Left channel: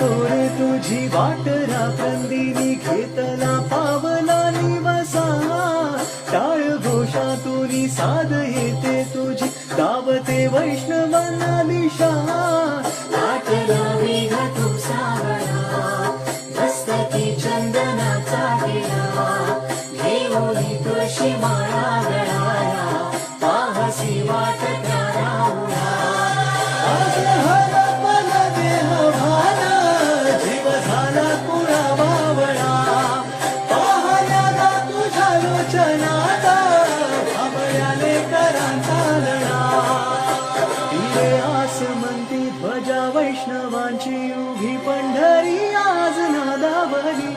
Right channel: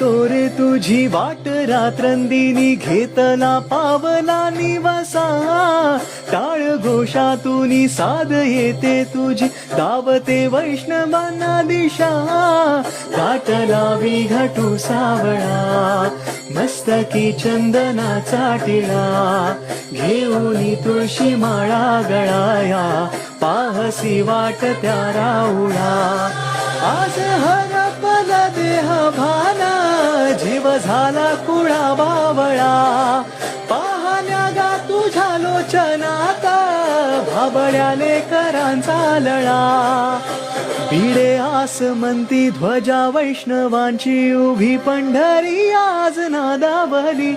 तोरे तुझी वाट रात्रंदिनी घेतला पावला निवासा टाळ घोषातून साध येते तुझी गावते वैष्णवांना दिशा वाट लावी घटू सावळा मस्तकी चंदनाचा टिळा घेऊन तुळशी माळा गळाया पाहसी वाट त्या राहुळा आज हरपला देह भाला जीव झाला कुळा बावळा पाहण्याला तुझ्या लोचनाचा भाबड्याले करांचा लळा पिढे आसमंती ध्वजा वैष्णवांची उभी पंढरी आज नादावली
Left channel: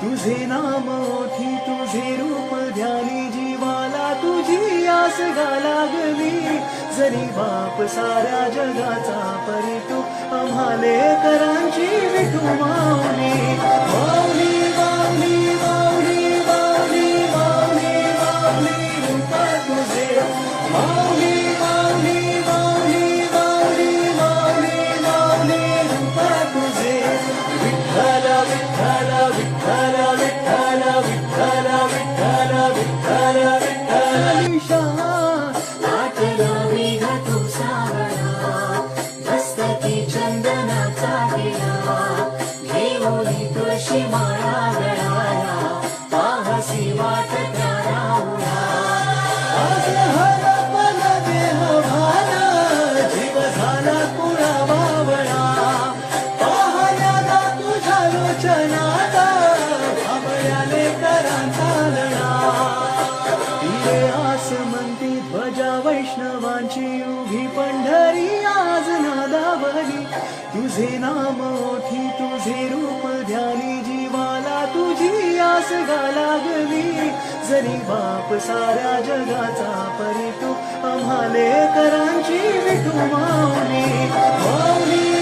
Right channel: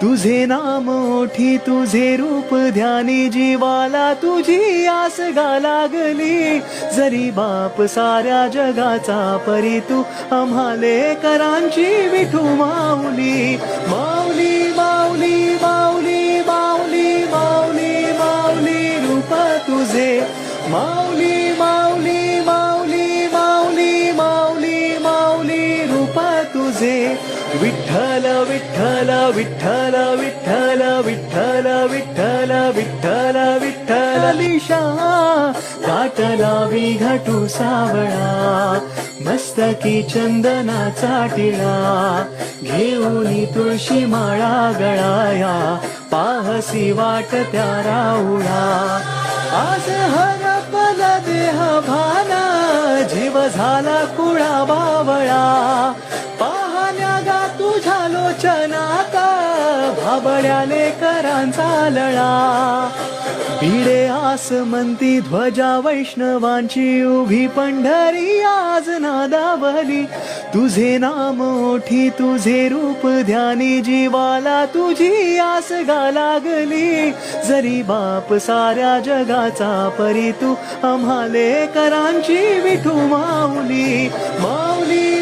तुझे नाम ओठी तुझे रूप ध्यानी जीवाला तुझी आस गा लागली जरी बाप साऱ्या जगाचा परी तू आम्हाले करांची विठू माऊली माऊली माऊली माऊली माऊली माऊली माऊली रूप तुझे माऊली माऊली माऊली माऊली माऊली माऊली रूप तुझे विठ्ठल विठ्ठल विठ्ठल विठ्ठल विठ्ठल विठ्ठल विठ्ठल विठ्ठल निशा वाट लावी घटू सावळा मस्तकी चंदनाचा टिळा घेऊन तुळशी माळा गळाया पाहसी वाट त्या राहुळा आज हरपला देह भाला जीव झाला कुळा बावळा पाहण्याला तुझ्या लोचनाचा भाबड्याले करांचा लळा पिढे आसमंती ध्वजा वैष्णवांची उभी पंढरी आज नादावली तुझे नाम ओठी तुझे रूप ध्यानी जीवाला तुझी आस गा लागली जरी बाप साऱ्या जगाचा परी तू आम्हाले करांची विठू माऊली माऊली